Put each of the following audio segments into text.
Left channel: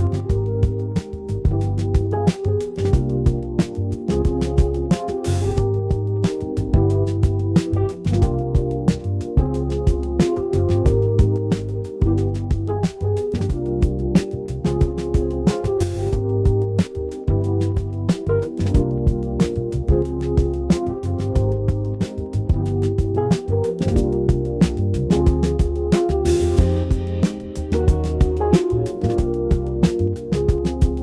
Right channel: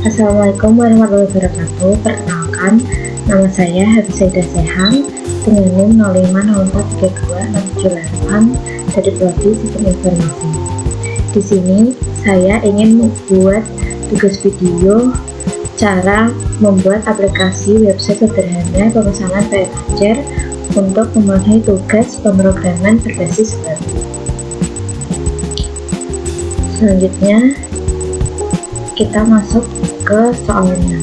Assalamualaikum warahmatullahi wabarakatuh. Perkenalkan, nama saya Hafsaidah Sehang dengan NIM 05043268 dari Prodi Sistem Informasi. Di sini saya ingin membuat tugas video cara membuat aplikasi website sederhana pemesanan PNajar untuk memenuhi tugas pemrograman berbasis web. Selanjutnya kita masuk ke soalnya.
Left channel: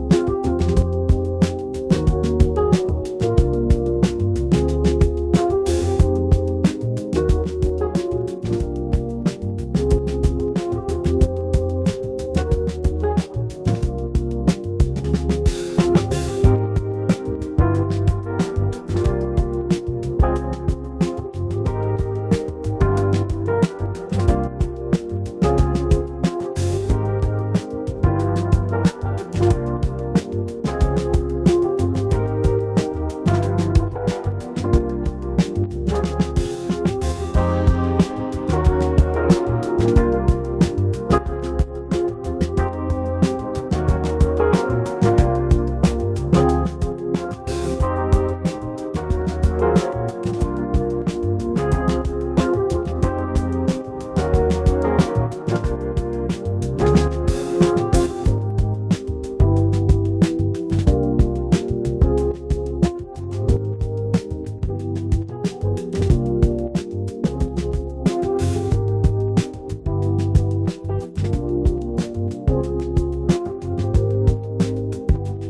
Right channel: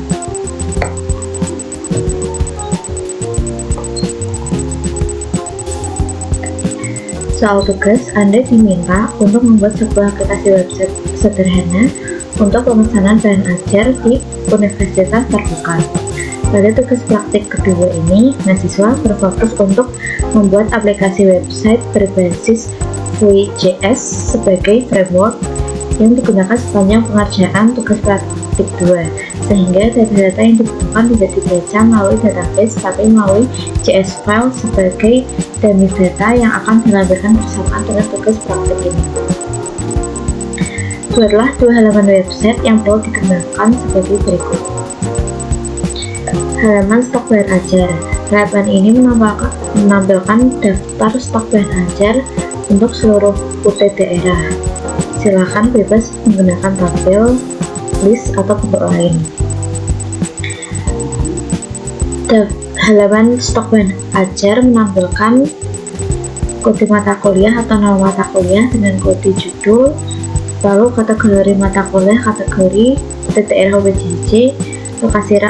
Soal tugas, Anda diminta untuk membuat sebuah aplikasi website sederhana untuk pemesanan PNajar di Universitas Terbuka. Pada tugas praktik kedua ini, mahasiswa berfokus untuk membuat aplikasi website berbasis Vue.js sebagai framework yang digunakan sepanjang pengerjaan tugas praktik 2, sehingga data-data yang dibutuhkan tidak dibaca melalui database tapi melalui JS file sebagai dummy data yang akan dilampirkan bersamaan dengan tugas praktik ini. Buatlah 2 halaman website yang perlu dikembangkan sebagai berikut. Halaman stok PNajar. Halaman ini menampilkan daftar stok PNajar untuk seluruh UT daerah. Silakan bebas menggunakan tabel, list, atau bentuk lain. Halaman stok PNajar menampilkan kode mata kuliah atau nama mata kuliah dengan kode judul, lalu kategori mata kuliah, kategori daerah UPJJ, lokasi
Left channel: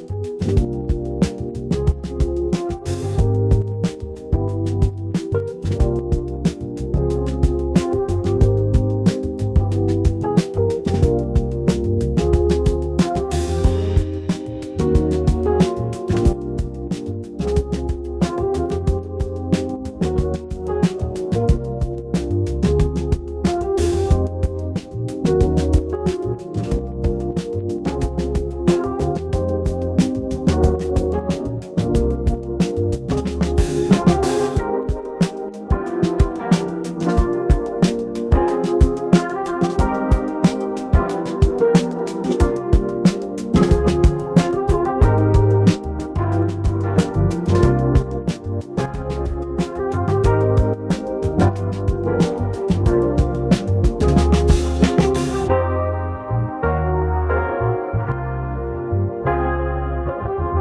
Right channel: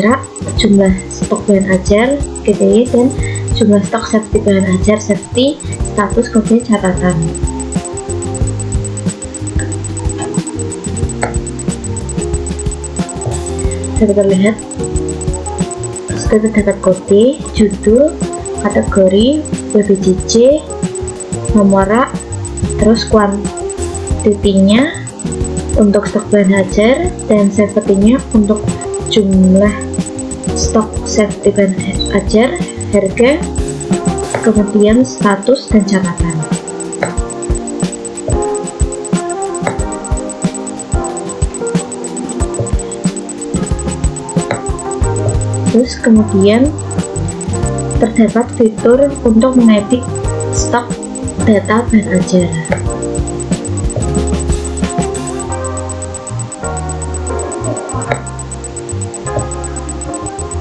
rak, jumlah stok PNajar, GTY, dan jumlah stok safety PNajar, safety, status, kode catatan. Dapat terlihat sudah terdapat kode, judul, kategori, UPJJ, nomor rak, terus kuantitinya untuk stok PNajar dan safety-nya untuk jumlah stok safety PNajar, harga, kemudian status dan catatan. Terus kemudian terdapat fitur untuk mengedit stok data PNajar.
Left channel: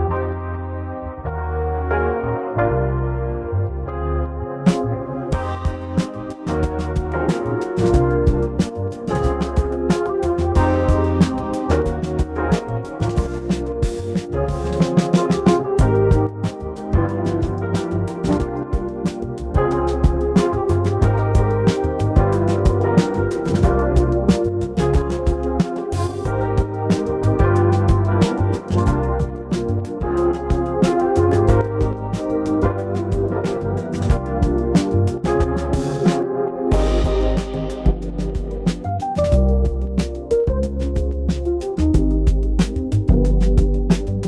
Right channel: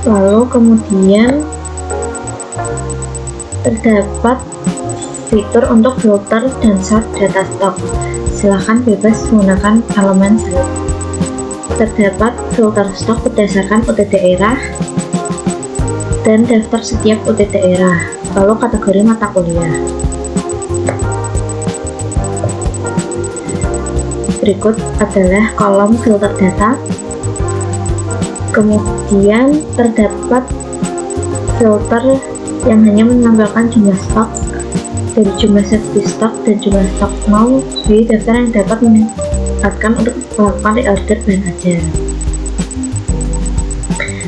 Lalu kemudian terdapat fitur untuk filter dan sort data stok. Silahkan bebas menggunakan elemen select. Terdapat filter stok berdasarkan UT daerah dan daftar setiap UT daerah, lalu kategori mata kuliah. Berikut adalah kolom filter data. Kemudian terdapat filter yang hanya menampilkan jumlah stok dari jumlah safety stok dan jumlah stok mau di daftar yang dapat meningkatkan untuk melakukan reorder PNajar.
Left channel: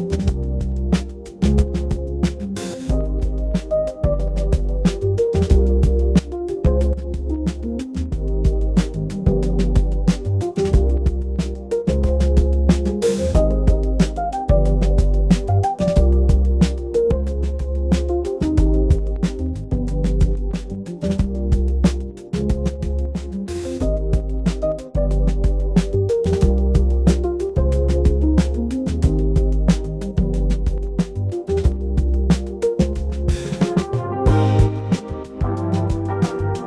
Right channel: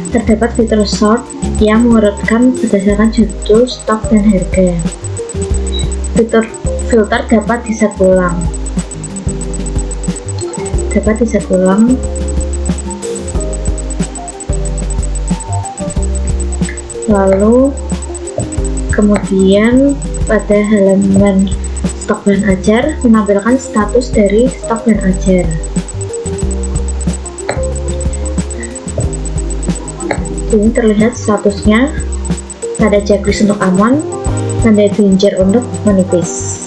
Terdapat fitur sort yang mengurutkan berdasarkan judul, stok, dan harga. Fitur filter dapat diset ulang. Lalu kemudian pada halaman stok PNajar menampilkan status dari stok PNajar. Ini terlihat statusnya, tanda checklist untuk aman, tanda danger untuk menipis.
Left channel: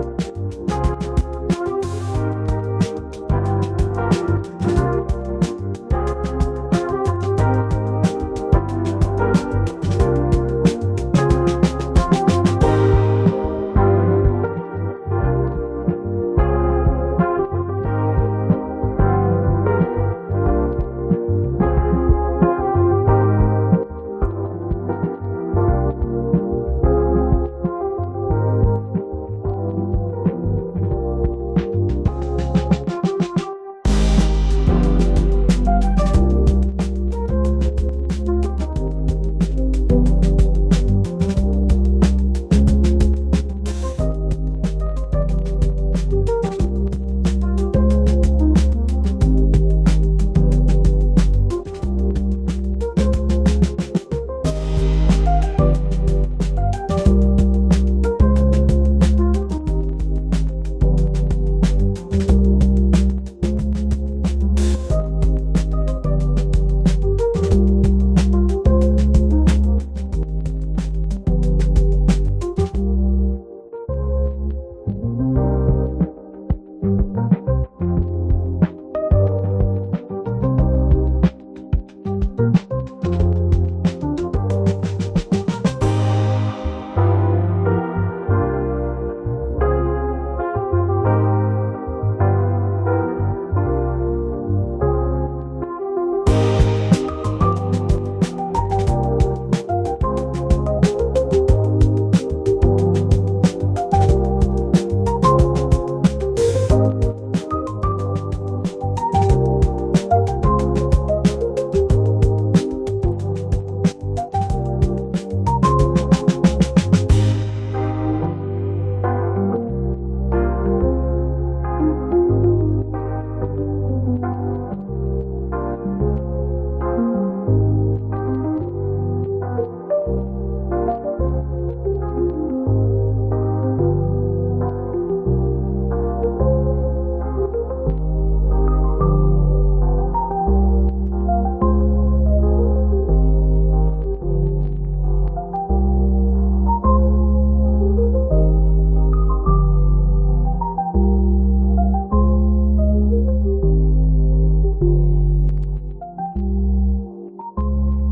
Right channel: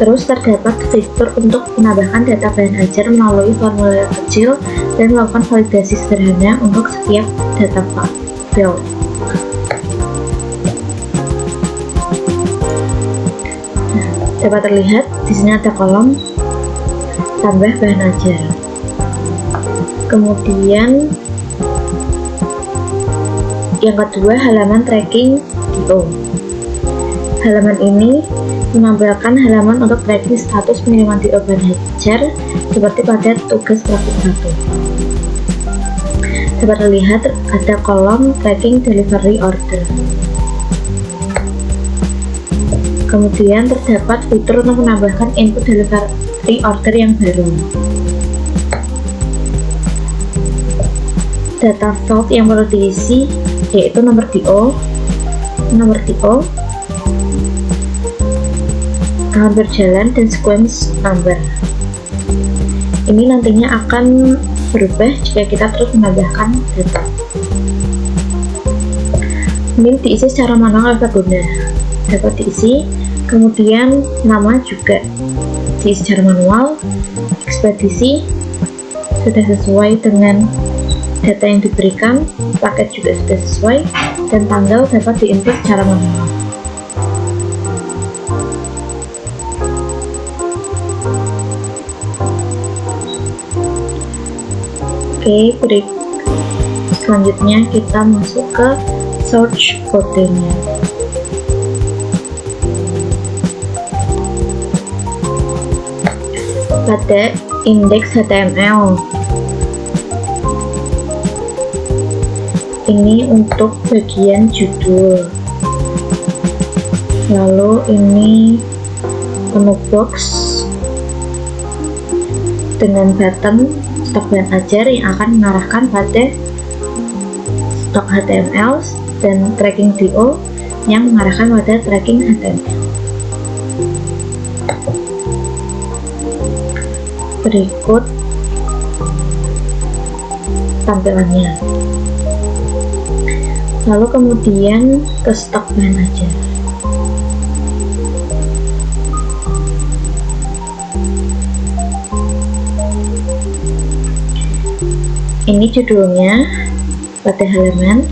Terus terdapat fitur untuk menambahkan data PNajar melalui formulir kecil dan melakukan validasi sederhana untuk setiap data field. Dapat terlihat di sini ada kolom tambah PNajar. Kemudian yang kedua, halaman tracking DO. Halaman ini menampilkan halaman untuk tracking status pengiriman DO PNajar seperti pada tugas praktik 1. Dapat terlihat ada kolom tracking delivery order. Kemudian terdapat fitur untuk menambahkan input delivery order yang baru. Data field yang perlu diisi yaitu nomor DO, tahun berjalan, dan sequence number. Ini nantinya akan berubah jika kita terus menambahkan data. Ini diisi secara manual oleh pengguna, dapat diisi, kemudian nama juga diisi secara manual, ekspedisi sudah sesuai dengan data yang diberikan, paket juga sudah sesuai, dan tanggal dapat diinput secara manual. Oke, selanjutnya kita masuk ke search kodenya. Pada indeks HTML ini untuk bagian judul, lalu ini menu box dengan button stok bahan ajar yang akan mengarahkan pada stok HTML, dan tracking DO yang mengarahkan pada tracking HTML. Berikut tampilannya. Lalu kemudian ke stok bahan ajar. Ini judulnya pada halaman,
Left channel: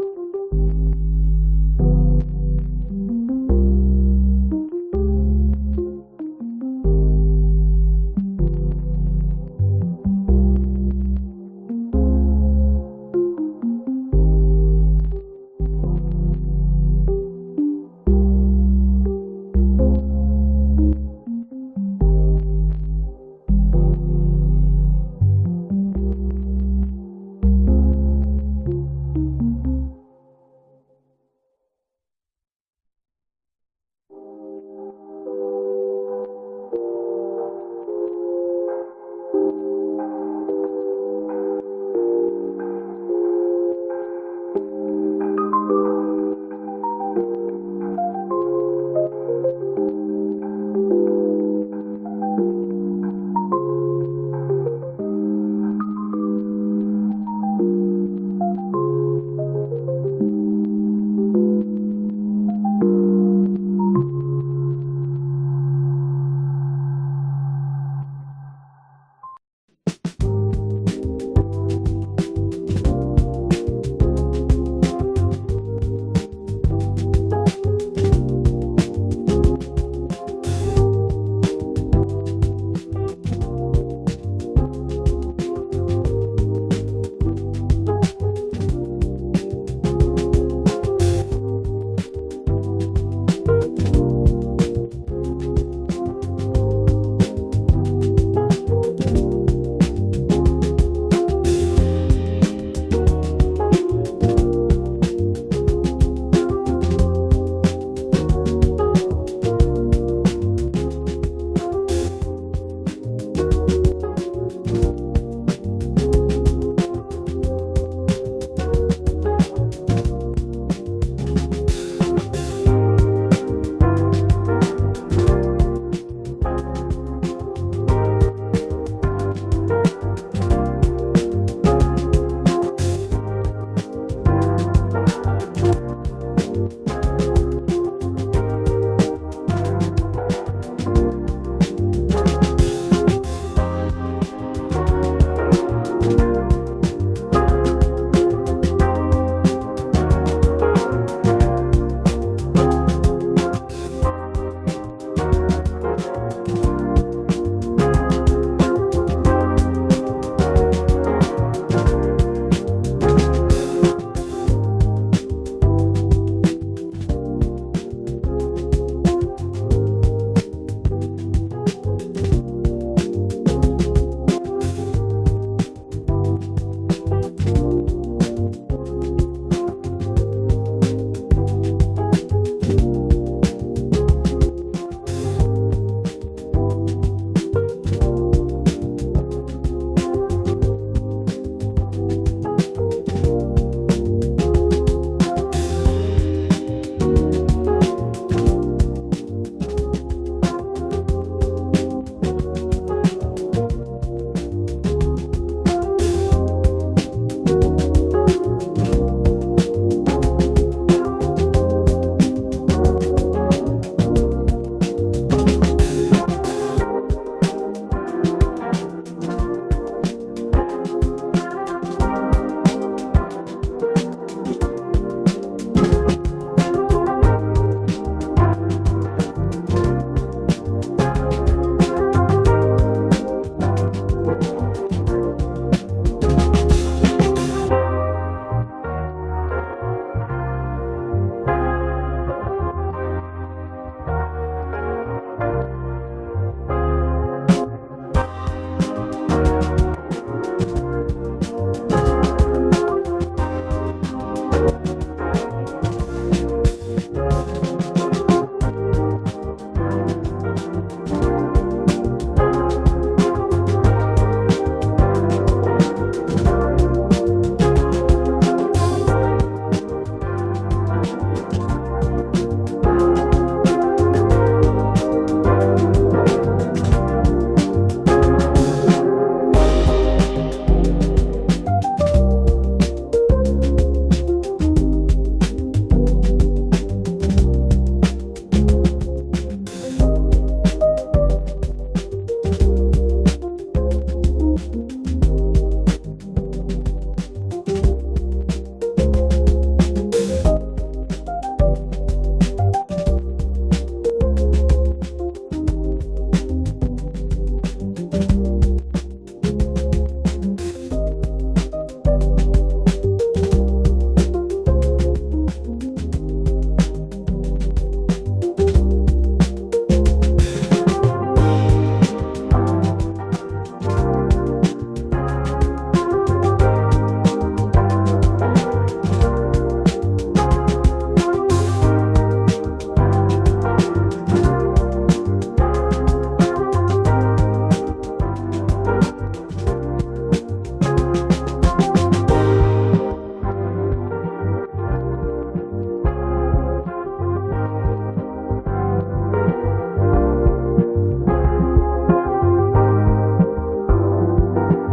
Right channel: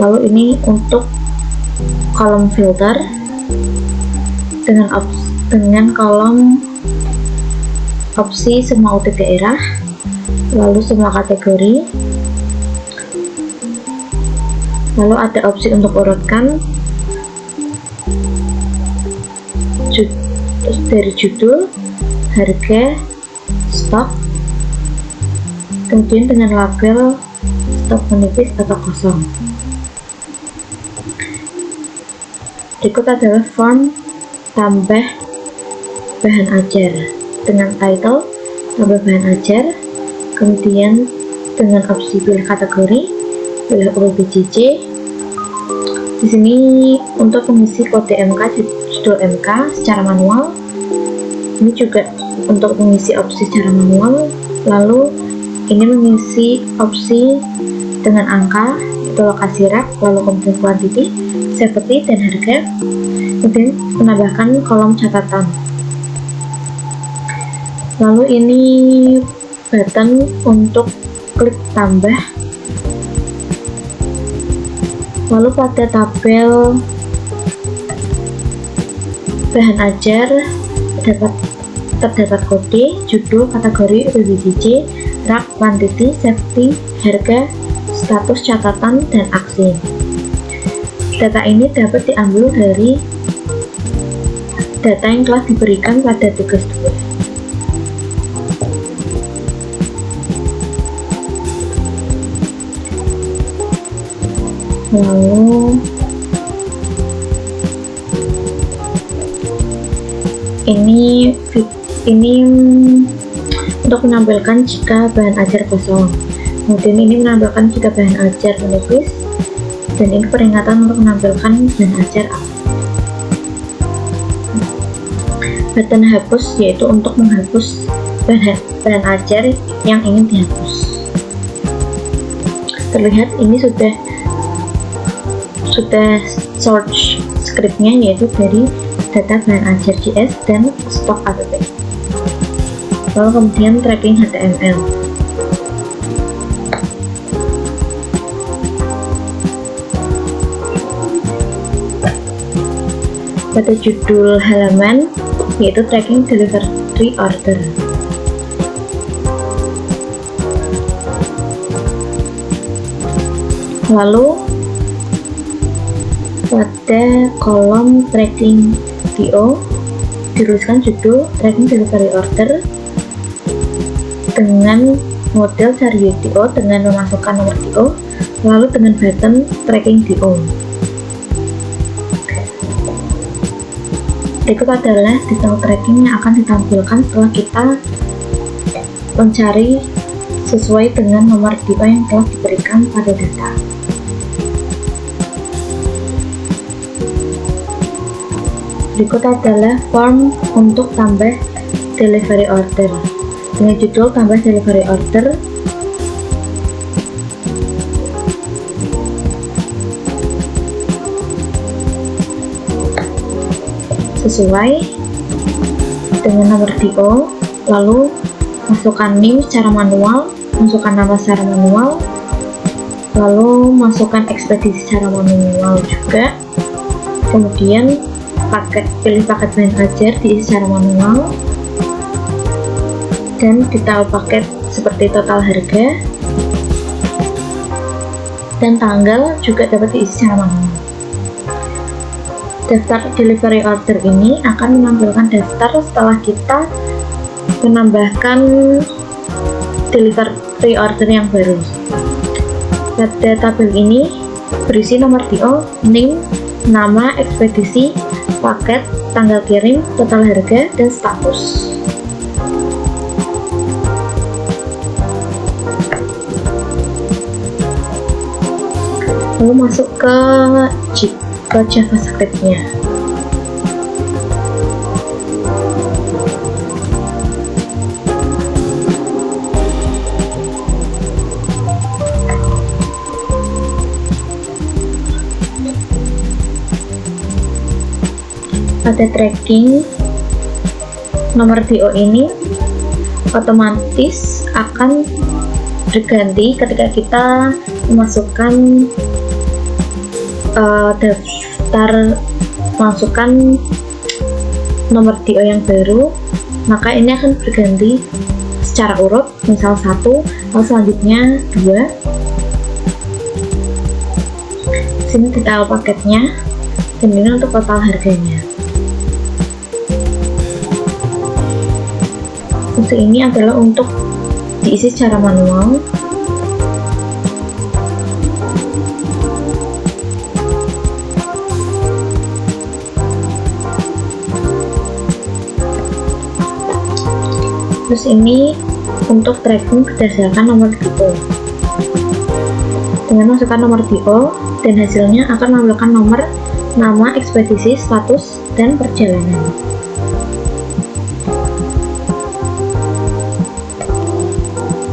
lalu ini untuk kolom filter dengan kolom opsi semua UTT daerah, lalu semua kategori, lalu ada opsi untuk urutkan dari judul, harga, stok, kemudian dengan label stok menipis atau kosong. Berikut adalah form tambah bahan ajar dengan title tambah bahan ajar, kemudian dengan opsi pilih kategori, pilih UPBJJ. Di sini untuk mengisi kode MK, judul MK secara manual. Ini juga untuk mengisi opsi secara manual. Lalu ini mengisi opsi dengan angka, itu lokasi rak, lalu kemudian kuantiti, seperti, dan harga. Kemudian menambahkan kolom catatan. Lalu ini button untuk klik tambah. Lalu pada tabel bahan ajar terdapat kode, judul, kategori, UPBJJ, rak, quantity, safety, harga, status catatan, dan aksi. Data ini dapat diambil dari data yang telah diberikan pada tugas 2. Lalu ini untuk menampilkan jika bahan ajar kosong. Kemudian ini menampilkan jika bahan ajar menipis, dan ini peringatan untuk menampilkan bahan ajar aktif. Button hapus yaitu untuk menghapus bahan ajar yang ingin dihapus. Terlihat ini sudah search scriptnya, yaitu dari data bahan ajar JS dan stok app. Lalu kemudian tracking HTML. Pada judul halaman yaitu tracking delivery order. Lalu pada kolom tracking DO dituliskan judul tracking delivery order dengan model cari DO dengan memasukkan nomor DO, lalu dengan button tracking DO. Berikut adalah detail tracking yang akan ditampilkan setelah kita mencari sesuai dengan nomor DO yang telah diberikan pada data. Berikut adalah form untuk tambah delivery order. Dengan judul tambah delivery order, sesuai dengan nomor DO, lalu masukkan NIM secara manual, masukkan nama secara manual, lalu masukkan ekspedisi secara manual juga. Kemudian pilih paket manager, diisi secara manual, dan detail paket seperti total harga dan tanggal juga dapat diisi secara manual. Daftar delivery order ini akan menampilkan daftar setelah kita menambahkan delivery order yang baru. Pada tabel ini berisi nomor DO, NIM, nama, ekspedisi, paket, tanggal kirim, total harga, dan status. Lalu masuk ke JavaScript-nya. Pada tracking nomor DO ini otomatis akan berganti ketika kita memasukkan masukkan nomor DO yang baru, maka ini akan berganti secara urut, misal 1, lalu selanjutnya 2. Sini detail paketnya, dan ini untuk total harganya. Fungsi ini adalah untuk diisi secara manual. Terus ini untuk tracking berdasarkan nomor DO. Dengan masukkan nomor DO dan hasilnya akan menampilkan nomor, nama, ekspedisi, status, dan perjalanan.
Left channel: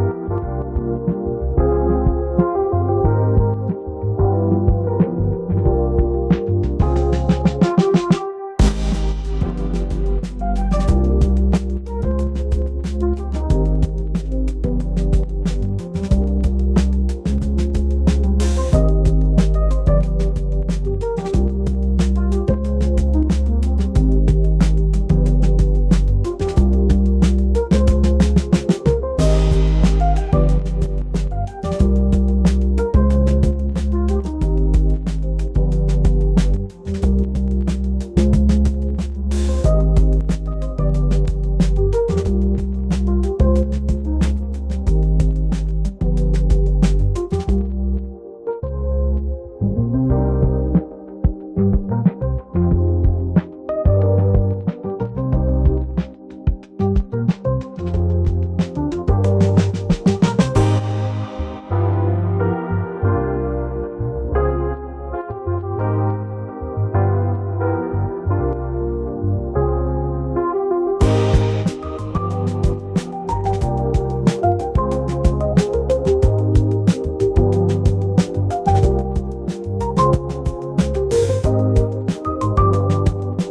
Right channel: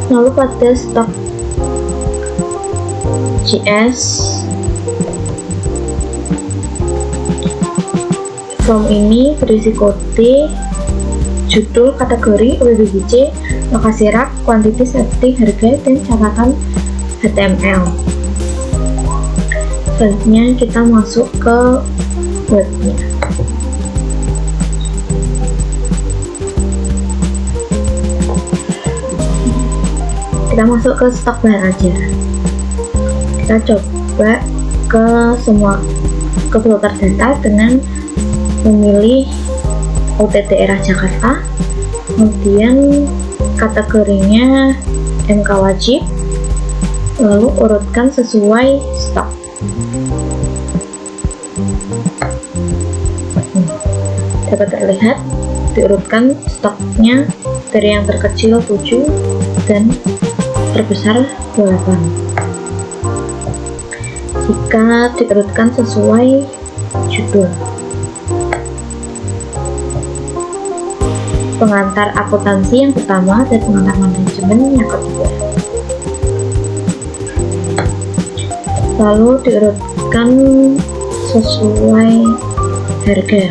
Lalu pada Stock.js, form ini berisi kode, judul, kategori, WBGC, lokasi rak, kuantiti, setting, harga, dan catatan HTML. Selanjutnya kita masuk ke webnya. Kita masuk ke stok bahan aja. Kita coba ke filter data dengan memilih UT daerah Jakarta, kemudian kategorinya MK wajib, lalu urutkan sesuai stok. Dapat terlihat diurutkan stoknya dari yang terkecil 7 dan terbesar 8. Jika diurutkan sesuai judul. Pengantar akuntansi yang pertama dan pengantar manajemen yang kedua. Lalu diurutkan sesuai harga.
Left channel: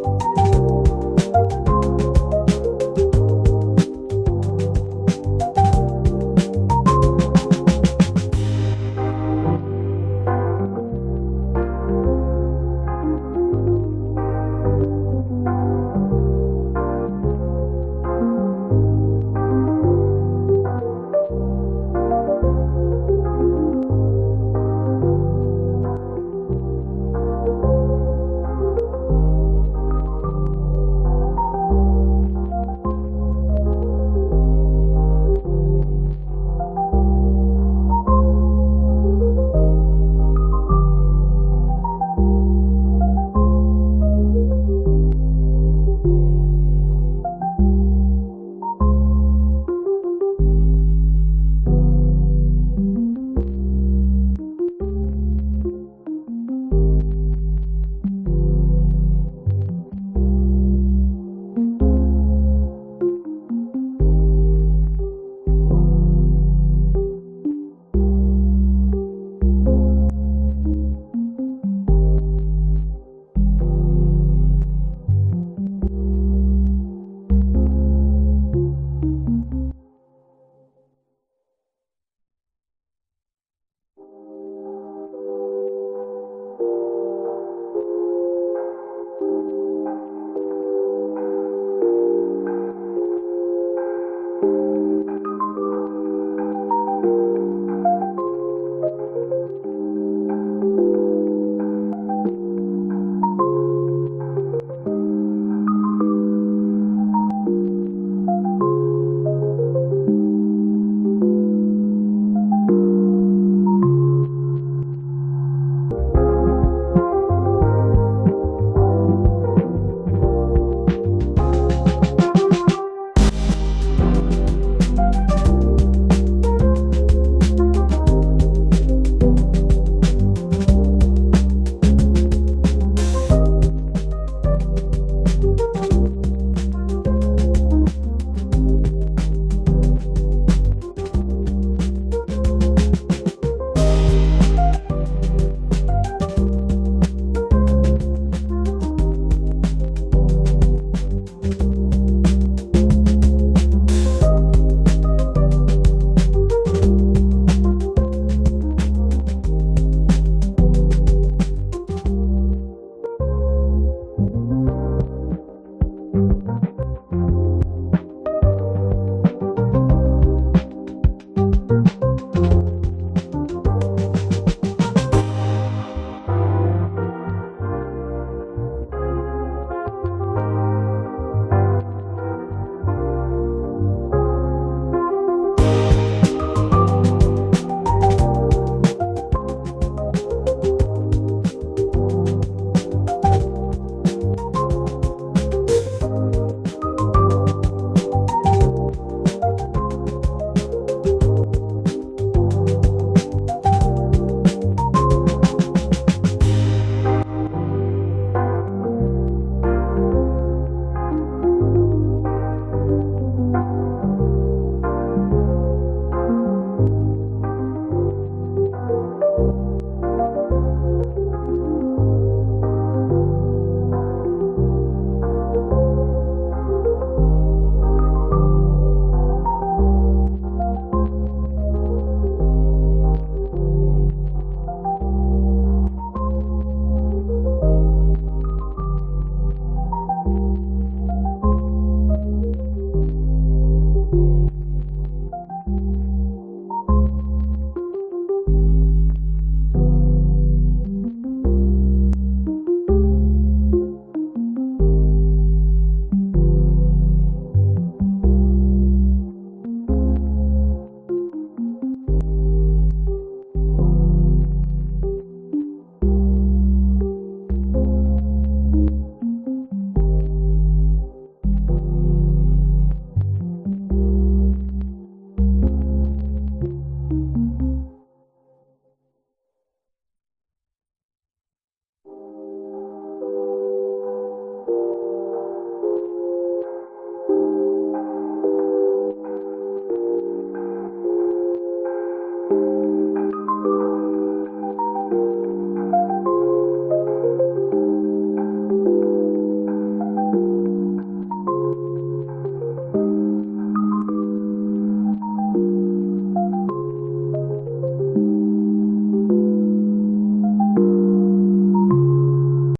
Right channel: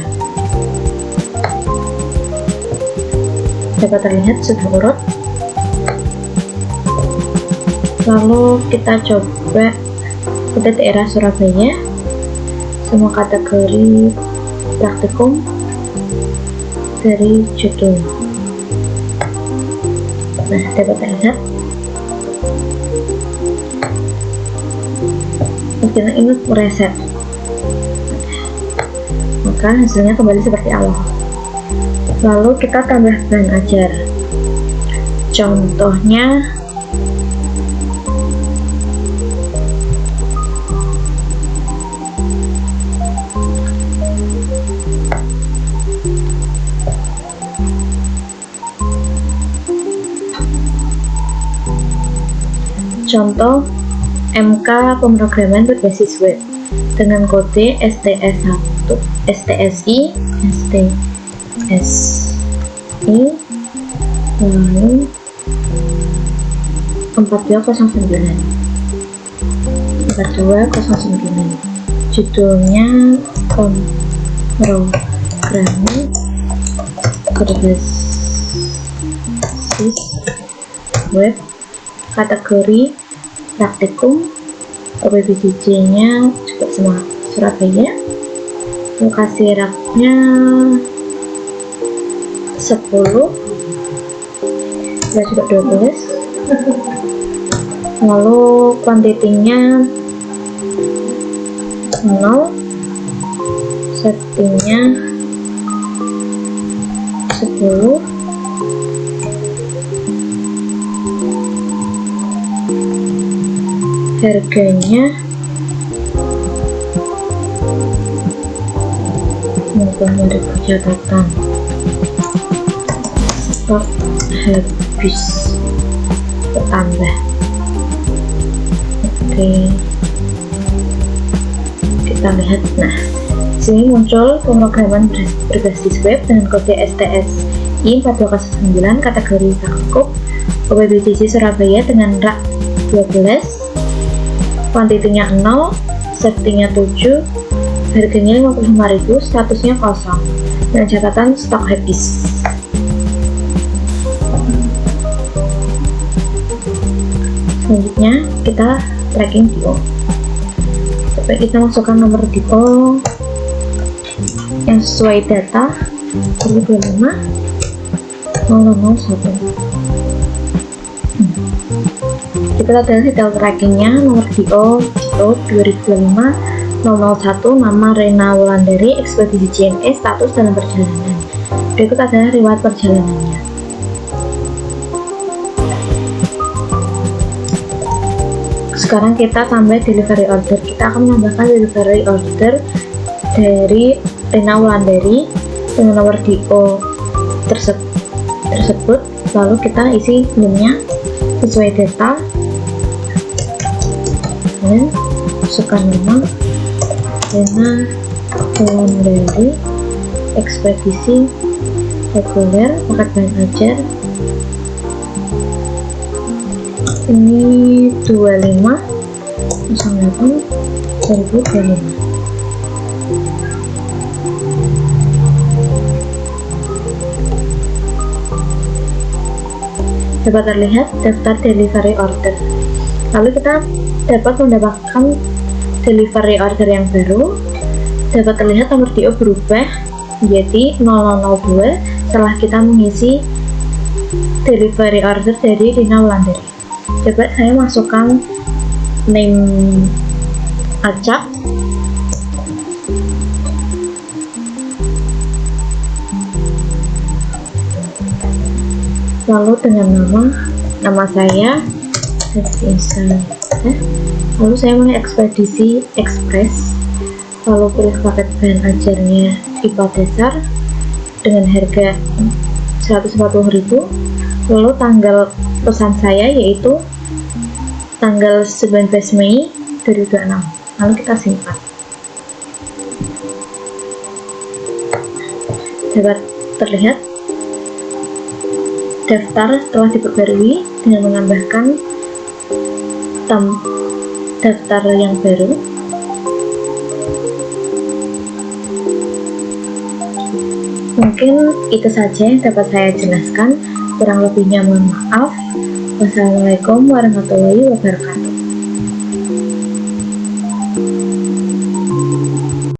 Dapat terlihat sudah urut. Lalu kita coba pada daerah Surabaya, semua kategori praktikum dari judul. Nah, dapat terlihat. Kita ingat reset, maka hasilnya kembali seperti awal. Lalu kita tambah bahan ajar. Contohnya contoh MK pemrograman berbasis web dengan kode STS1, STSI lalu 4209 judulnya pemrograman berbasis web, kategori praktikum, OPBJJ nya juga sama Surabaya, lokasi raknya 10 dan juga 12, lalu kuantitinya 0, settingnya 10, harganya maupun dari catatan stok habis bertambah. Oke, kita lihat. Nah, sini muncul pemrograman berbasis web dengan kode STSI 4209, kategori Fakulkup, OPBJJ Surabaya dengan rak 12, kuantitinya 0, settingnya 7, harganya 55.000, statusnya kosong dan catatan stok habis. Selanjutnya kita tracking DO. Coba kita masukkan nomor DO yang sesuai data 2025 0001. Kita lihat detail trackingnya. Nomor DO 2025 001, nama Rena Wulandari, ekspedisi JNE, status dalam perjalanan. Berikut adalah riwayat perjalanannya. Sekarang kita tambah delivery order. Kita akan menambahkan delivery order dari Rena Wulandari dengan nomor DO tersebut. Lalu kita isi filmnya sesuai data dan masukkan nama Rena Wulandari, ekspedisi reguler, paket bahan ajar ini 25/08/2025. Dapat terlihat daftar delivery order. Lalu kita dapat mendapatkan delivery order yang baru. Dapat terlihat nomor DO berubah menjadi 0002 setelah kita mengisi delivery order dari Rena Wulandari. Coba saya masukkan name acak, lalu dengan nama saya lalu saya mulai ekspedisi ekspres, lalu pilih paket bahan ajarnya IPA dasar dengan harga 140.000, lalu tanggal pesan saya yaitu tanggal 19 Mei 2026. Lalu kita simpan. Dapat terlihat daftar telah diperbarui dengan menambahkan daftar yang baru. Mungkin itu saja yang dapat saya jelaskan. Kurang lebihnya mohon maaf. Wassalamualaikum warahmatullahi wabarakatuh.